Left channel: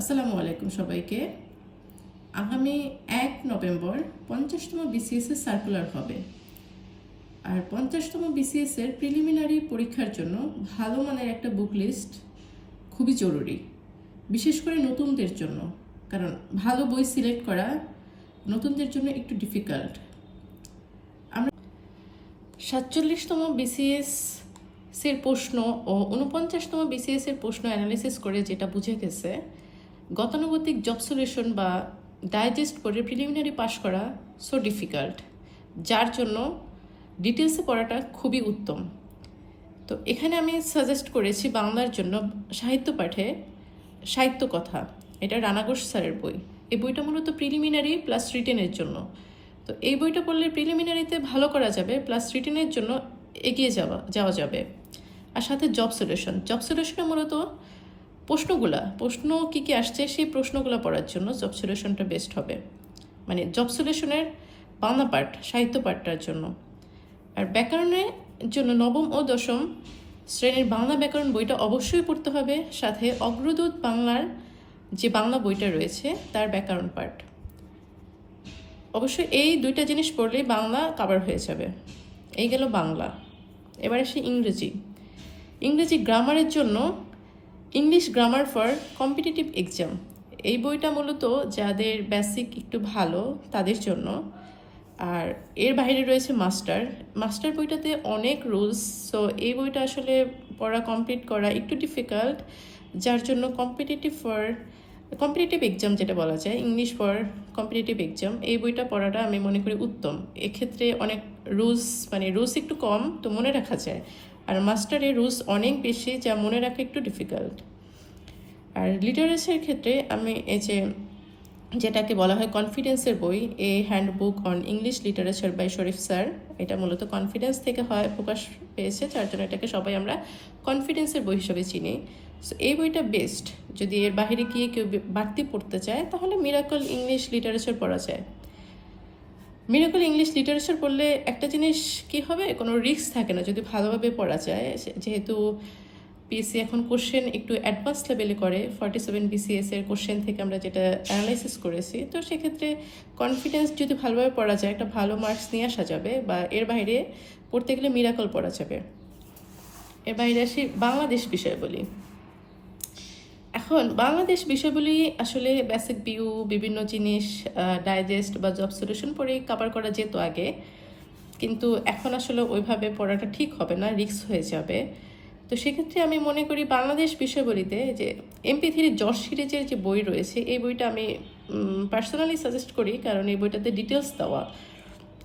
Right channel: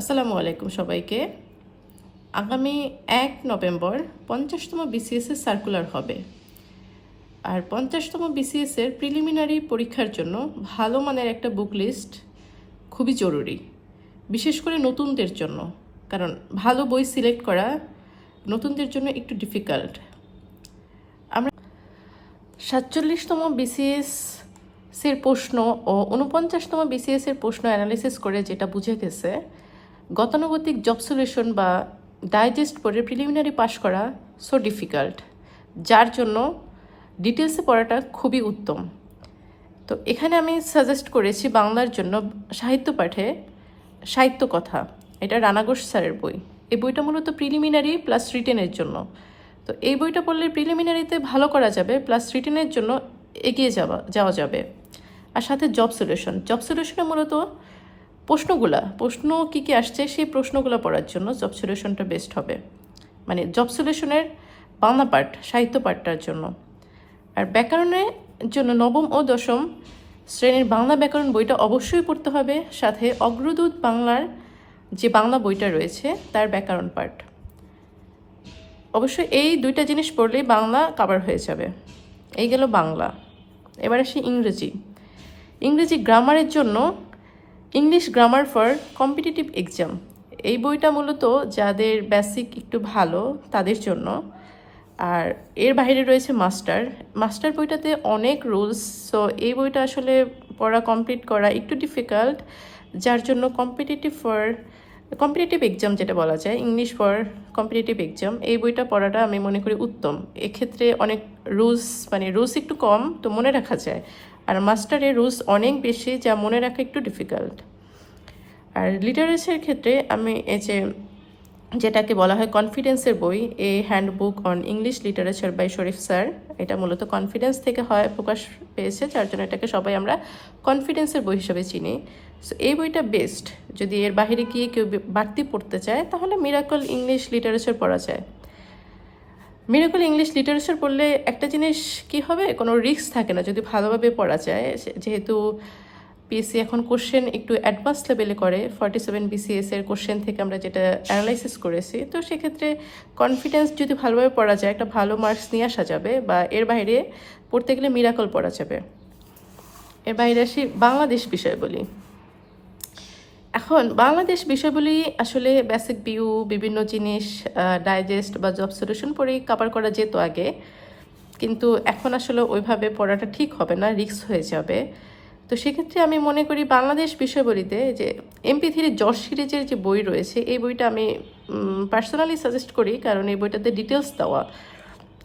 আসসালামু আলাইকুম সবাইকে। আগামী এক নভেম্বর পঞ্চাশতম বিসিএস এর সার্কুলার হবে। আর পঞ্চাশতম বিসিএস এর প্রিলিমিনারি পরীক্ষার জন্য ভালো মানের একটা বুক লিস্ট খুবই জরুরি, বিশেষ করে নতুনদের জন্য। কারণ ভালো বই সিলেক্ট করা নতুনদের জন্য একটু ডিফিকাল্ট আমরা সাতচল্লিশতম বিসিএস এর প্রশ্ন ও উনপঞ্চাশতম বিসিএস এর প্রশ্ন অ্যানালিসিস করে যেটা বুঝে গেছে গতানুগতিক জব সলিউশন বা ডাইজেস্ট করে প্রিলিমিনারি পাস করা সো ডিফিকাল্ট যার জন্য ডিটেলসে পড়াটা খুবই উত্তম। তো এখানে আমি সাজেস্ট করেছি বাংলার জন্য সাহিত্য পাঠে সাহিত্য কথা। এটা রানাঘোষ স্যারের বই। এই বইটা মূলত প্রিলিমিনারি প্লাস রিটেনের জন্য। তো এই বইটা পড়লে প্রিলিমিনারিতে ভালো করা যাবে প্লাস রিটেনের জন্য এগিয়ে যাওয়া যাওয়া যাবে। আর সাথে জব সলিউশন জব সলিউশনে মূলত প্রশ্নগুলা, প্রশ্ন কী কী আসছে সেই প্রশ্নগুলো পড়ার জন্য জব সলিউশনটা বেস্ট হবে। মানে জব সলিউশনের বাংলা পার্ট সাহিত্য পাঠটার জন্য। আর ব্যাকরণের জন্য নবম ও দশম শ্রেণির বাংলা ব্যাকরণ বইটা অবশ্যই পড়তে হবে। সাথে অগ্রদূত বাংলার যে বাংলা বইটা রয়েছে, তার ব্যাকরণ পার্ট অবশ্যই এই দুইটা জিনিস পড়লেই বাংলা কাভার হয়ে যাবে। এই গেল বাংলা। এবার আসি ইংরেজি। ইংরেজি গ্রামারের জন্য English grammar for competitive exam এই বইটা মূলত যাদের বেসিক একটু ভালো, তাদের জন্য। আর এর বাইরে রয়েছে মাস্টার মাস্টার বইটাতে অনেক রুলস সো এই বইটা আসলে পড়া কমপ্লিট করা একটু ডিফিকাল্ট যার জন্য কম্পিটিটিভ ফর কম্পিটিটিভ এক্সাম যেটা বলা যায় ইংলিশ ফর কম্পিটিটিভ এক্সাম এই বইটা পড়াটা আমি মনে করি উত্তম। এক্ষেত্রে অনেক রুলস মানে রুলস একটু কম, তো মনে রাখা যায়। আর মাস্টারের রুলস অনেক বেশি যা মনে রাখা একটু ডিফিকাল্ট আর লিটারেচারের ক্ষেত্রে আমি এই যে যেটাকে বলা হয় কনফিডেন্সের বই, a handbook on English literature by Sharif sir এটা মূলত কনফিডেন্স থেকে হয়, প্রকাশ পেয়েছে, যার জন্য এটাকে সবাই আমরা কনফিডেন্সের বই হিসেবে চিনি। সো এই বইটা বেস্ট যদি এর বাইরে গিয়ে কেউ বাড়তি পড়তে চায়, তাহলে মিরাকল ইংলিশ লিটারেচার পড়া যায়। মিরাকল ইংলিশ লিটারেচার পড়লে একটা জিনিস কি হবে? কোনো রিস্ক থাকে না। যদি ভালোভাবে পড়া যায় যেহেতু পিএসসি এখন কোশ্চেন একটু অ্যাডভান্স লেভেলে করে ফর্টি সেভেন বিসিএস এর কোশ্চেন থেকে আমরা যেটা অ্যানালাইসিস করেছি, তো সেক্ষেত্রে কনফিডেন্স যদি ভালোভাবে পড়া যায়, একটা ভালো মার্কস নিয়ে আসা যাবে বা এর বাইরে পড়তে গেলে মিরাকল পড়া যাবে। এর বাইরে আসি বাংলাদেশ বিষয় বলি। এখন বাংলাদেশ বিষয়গুলি আসলে বেসিক ভিউ বিভিন্ন জিনিস ডাইজেস্ট বা জব সলিউশন পড়েই কাভার করা যেত আগে। কিন্তু এখন আসলে ওইভাবে পড়াটা ঠিক হবে না রিস্ক হয়ে যাবে। তো সেক্ষেত্রে আমি মনে করি বাংলাদেশ বিষয়বলিতে যে এমপি থ্রি যশ সিরিজের যে বই রয়েছে, এই বইটা আমি পার্সোনালি সাজেস্ট করি। কারণ এই বইটাতে ডিটেলস দেওয়া।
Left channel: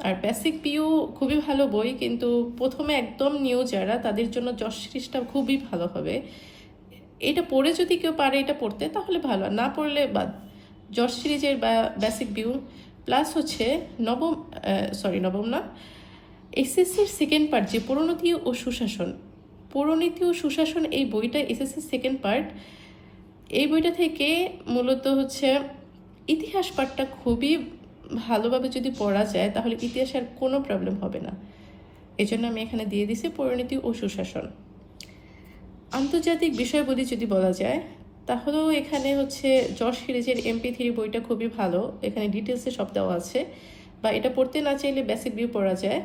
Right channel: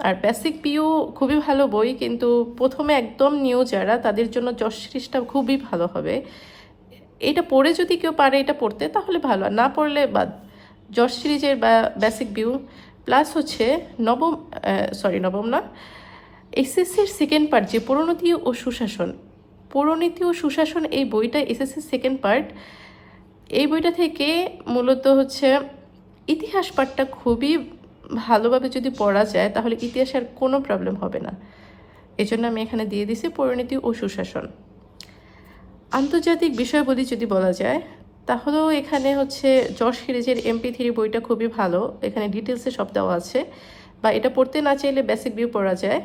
আর বেসিক পিউ খুবই ভালো বই, কিন্তু প্রথমে একদম নিউ যারা, তাদের জন্য যশ সিরিজটা খুবই ভালো হবে। এটা পড়ে যদি কেউ পারে এটা পড়তে, তাহলে ভালো। না পড়লে বাদ। জর্জ সিরিজের বা বেসিক ভিউ প্লাস হচ্ছে নবম সরি নবম না। এসএসসির সেকেন্ড পার্ট যে পরিণতি ও সুশাসন। পরিণতি ও সুশাসন এই বইটা এসএসসির সেকেন্ড পার্ট এই বইটা থেকে মূলত হচ্ছে ইতিহাস পাঠটা খুবই ভালোভাবে যদি পড়া যায়, তাহলে ইতিহাসের কোনো প্রবলেম হবে না। এজন্য আমি এখানে দিয়ে দিছি পরিণতি ও সুশাসন। আন্তর্জাতিক বিষয়বলি যদি বলা যায়, তাহলেও এখানে হচ্ছে যশ সিরিজের এমপি থ্রি বইটা খুবই ভালো। এখানে ডিটেলসে সব দেওয়া আছে। বা এটা পড়তে না চাইলে বেসিক ভিউ পড়া যায়।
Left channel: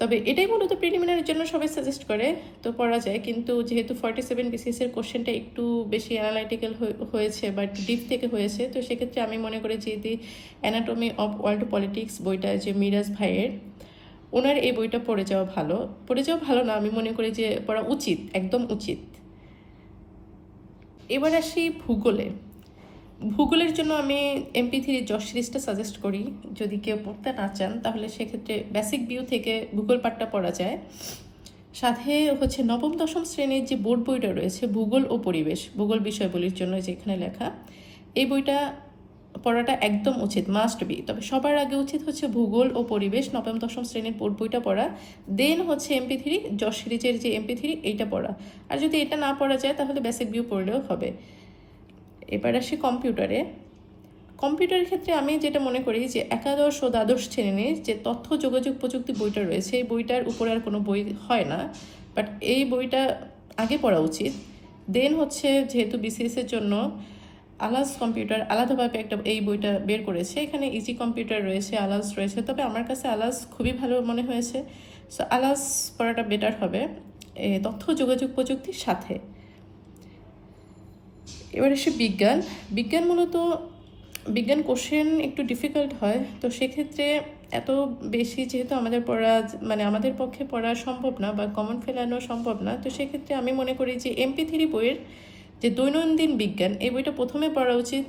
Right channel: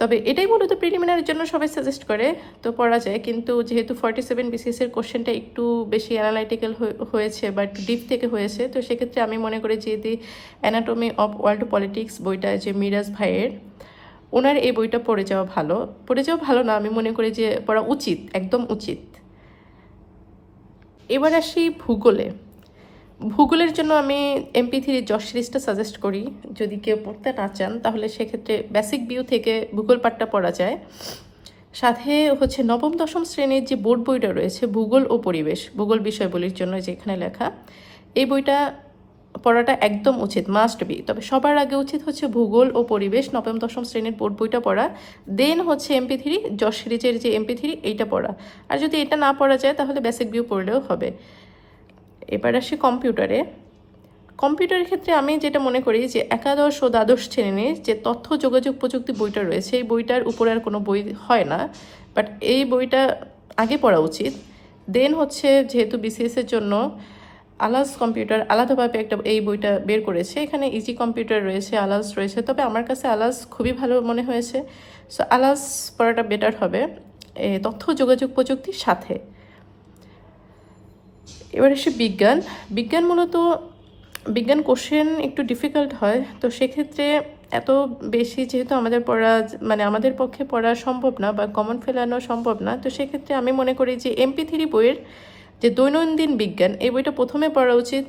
তবে এটাই মূলত প্রিলিমিনারির জন্য সবাই সাজেস্ট করে, তো পড়া যায়। কিন্তু যেহেতু ফর্টি সেভেন বিসিএস এর কোশ্চেনটা একটু বেশি অ্যানালাইটিক্যাল হয়েছে বাট ডিপ থেকে হয়েছে, তো সেক্ষেত্রে আমি মনে করি যে the anatomy of world politics বইটা যে মিরাজ ভাইয়ের ওনার এই বইটা পড়ে যাওয়া ভালো। পড়ে যাওয়া ভালো না, আমি মনে করি যে পড়া উচিত, একদম উচিত। এবার আসি ভূগোলে। ভূগোলের জন্য আমি এমপি থ্রি যশ সিরিজটা সাজেস্ট করি। যদি কেউ পড়তে না চান, তাহলে সেক্ষেত্রে বেসিক ভিউ থেকে ভূগোল পাঠটা পড়া যায়। সাথে হচ্ছে নবম, দশম শ্রেণির যে বোর্ড বইটা রয়েছে, ভূগোল ও পরিবেশ, ভূগোল বিষয়গুলির জন্য যেখানে লেখা, এই বইটা পড়াটা একদম উচিত মাস্ট বি তবে সবার আগে উচিত হচ্ছে ভূগোল ও পরিবেশ, নবম, দশম শ্রেণির বোর্ড বইটা পড়া। দেন হচ্ছে এমপি থ্রি যশ সিরিজের যে এমপি থ্রি এইটা পড়া। আর যদি এটা না পড়া যায়, তাহলে বেসিক ভিউ পড়লেও হবে। এবার আসি কম্পিউটারে কম্পিউটারের ক্ষেত্রে আমি যেটা মনে করি যে একাদশ ও দ্বাদশ শ্রেণির যে তথ্য, যোগাযোগ, প্রযুক্তি বইটা রয়েছে, এই বইটার উপরে আর কোনো বই হয় না। বাট এই বইটা আগে পড়া উচিত। দেন হচ্ছে যেহেতু বিসিএস এর জন্য আলাস কম্পিউটার আলাদাভাবে একটা এই বইটা বের করেছে। এখানে ইজি কম্পিউটার রয়েছে আলাস রয়েছে। তবে আমার কাছে আলাস খুবই ভালো মনে হয়েছে। সো আলাস পড়াটা বেটার হবে। এ, তথ্য যোগাযোগ প্রযুক্তির সাথে। এবার এসে বিজ্ঞান। বিজ্ঞান মূলত বিজ্ঞান কোশ্চেন একটু ডিফিকাল্ট হয়। তো সেক্ষেত্রে এত বেশি যেহেতু আমাদের পড়া মানে আমাদের পক্ষে পড়া সম্ভব না বা কমন ফেলানো সম্ভব না তো সেক্ষেত্রে আমি মনে করি যে এমপি থ্রি বইয়ের যে দৈনন্দিন বিজ্ঞান, এই বইটা প্রথমে পড়া উচিত।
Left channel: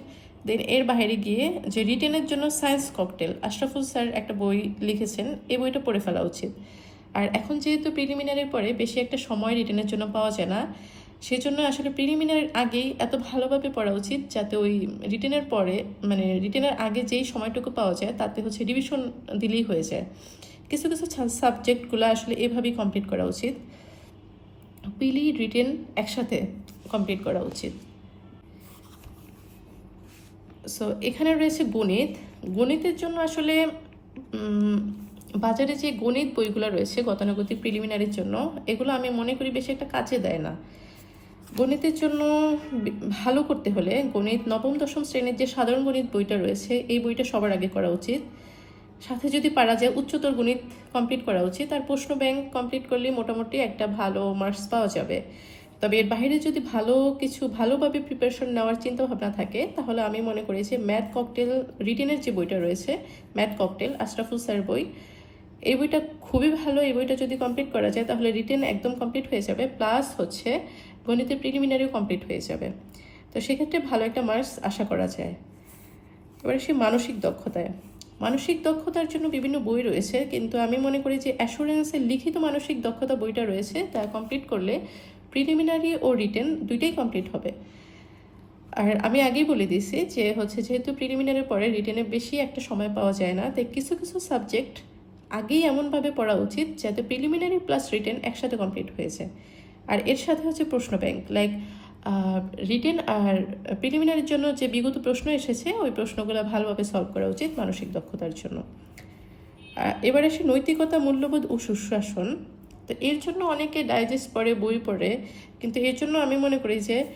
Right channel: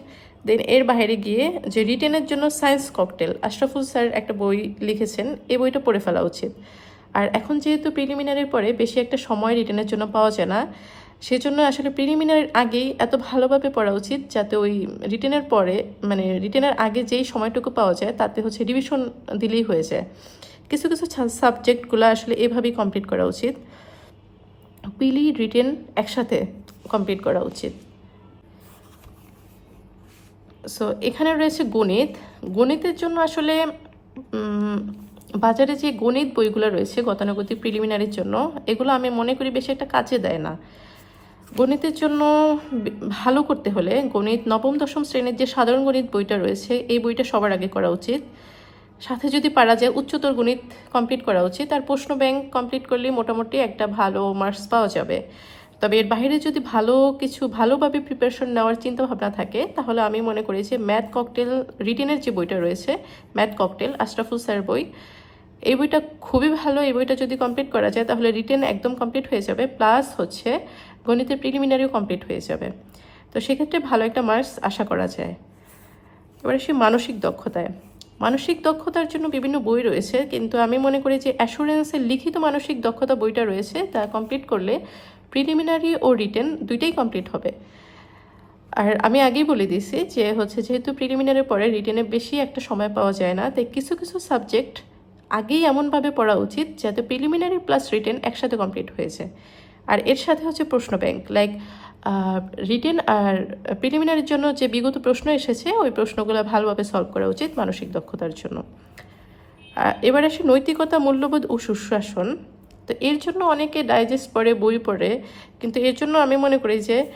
দেন এর বাইরে গিয়ে যে রিটেনের জন্য সায়েন্স ককটেল আশরাফুল স্যার একটা বই লিখেছেন এই বইটা পড়ে ফেলা উচিত। আর এখন যেহেতু প্রিলিমিনারির পরে বেশি একটা সময় রিটেনের জন্য পাওয়া যায় না, সেজন্য আসলে প্রিলিমিনারির আগেই এত ভালোভাবে পড়া উচিত যাতে ওই রিটেনের পরে মানে রিটেনের আগে যেই সময়টুকু পাওয়া যায় তাতে হচ্ছে রিভিশন দিলেই হয়ে যায়। কিছু কিছু সাবজেক্টগুলো আসলে এভাবেই কমপ্লিট করা উচিত। পিলি রিটেন একসাথে কমপ্লিট করা উচিত। সো এখানে রয়েছে গণিত। গণিতের জন্য আসলে বাজারে যে গণিত বইগুলো রয়েছে, গতানুগতিক প্রিলিমিনারির জন্য, এগুলো আমি মনে করি বেশি একটা কাজে দেয় না। গণিতের জন্য ভালো করতে হলে গণিত নবম, দশম শ্রেণির যে সাধারণ গণিত বইটা রয়েছে, এই বইটা সবার আগে করা উচিত। সাথে যদি পারা যায় উচ্চতর গণিত কমপ্লিট করা উচিত। আর প্রশ্ন ব্যাংক কমপ্লিট করলে মোটামুটি একটা ভালো মার্কস পাওয়া যাবে। তবে এর বাইরে যদি ভালো কিছু ভালোভাবে প্রিপারেশন নেওয়ার চিন্তা ভাবনা থাকে, তাহলে আমি মনে করি যে ম্যাথ ককটেল রিটেনের যে বইটা রয়েছে, ম্যাথ ককটেল আশরাফুল স্যার বই, এই বইটা খুবই ভালো। এই বইটা যদি কমপ্লিট করা যায়, তাহলে রিটেন একদম কমপ্লিট হয়ে যাবে প্লাস হচ্ছে গণিতের প্রিলিমিনারিও কমপ্লিট হয়ে যাবে। তো সেক্ষেত্রে ভালো একটা মার্কস আশা করা যায়। এবারে সেই মানসিক দক্ষতায়। মানসিক দক্ষতার জন্য বিভিন্ন বই রয়েছে, কিন্তু আমি মনে করি যে অ্যাসুরেন্সের লিখিত মানসিক দক্ষতা বইটা রয়েছে, তা কমপ্লিট করলে প্রিলিমিনারি ও রিটেন দুইটাই কমপ্লিট হবে। আর আমি আগেই বলে দিয়েছি যে হচ্ছে যেহেতু প্রিলিমিনারির পরে রিটেনে বেশি একটা সময় পাওয়া যায় না, তাই কিছু কিছু সাবজেক্ট আগেই এমনভাবে পড়া উচিত যাতে প্রিলিমিনারি প্লাস রিটেন একসাথে কমপ্লিট হয়েছে আর এর সাথে হচ্ছে প্রশ্ন ব্যাংক লাইক রিটেন আর প্রিলিমিনারির জন্য যে বিগত প্রশ্ন এসেছে, ওই প্রশ্নগুলো ভালোভাবে সলভ করা উচিত মানসিক দক্ষতার জন্য। এবার আসে নৈতিকতা, মূল্যবোধ ও সুশাসন। তো এর জন্য অনেকে ডাইজেস্ট পড়ে, বই পড়ে। কিন্তু এর জন্য আমি মনে করি যে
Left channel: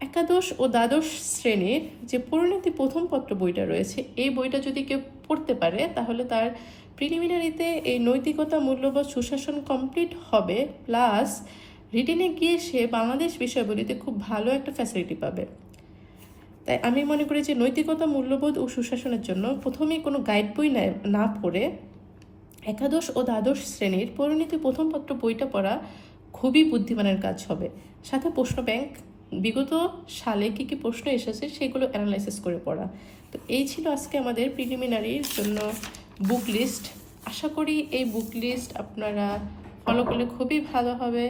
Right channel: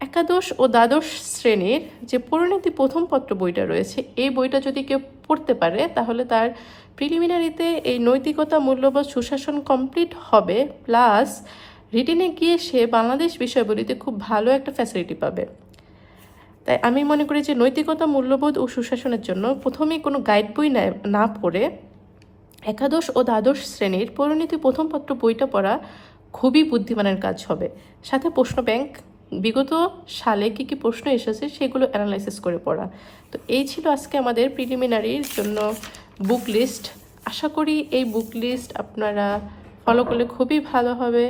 একাদশ ও দ্বাদশ শ্রেণির যে পরিণতি প্রথম পত্র বইটা রয়েছে, এই বইটা যদি কেউ পড়তে পারে, তাহলে তার প্রিলিমিনারিতে এই নৈতিকতা মূল্যবোধ সুশাসন কমপ্লিট হবে প্লাস রিটেনে গিয়ে সে বাংলাদেশ বিষয়গুলিতে খুব ভালো একটা ফ্যাসিলিটি পাবে। তাই আমি মনে করি যে নৈতিকতা মূল্যবোধ ও সুশাসনের জন্য প্রথমেই কোনো গাইড বই না- না পড়ে একাদশ ও দ্বাদশ শ্রেণির পরিণতি প্রথম পত্র বইটা পড়া খুবই বুদ্ধিমানের কাজ হবে। সাথে প্রশ্ন ব্যাংক, বিগত সালে কী কী প্রশ্ন এসেছে সেগুলো অ্যানালাইসিস করে পড়া। তো এই ছিল আজকে আমাদের প্রিলিমিনারির জন্য বুক লিস্ট আশা করি এই বুক লিস্ট আপনারা ফলো করলে খুবই ভালো হবে।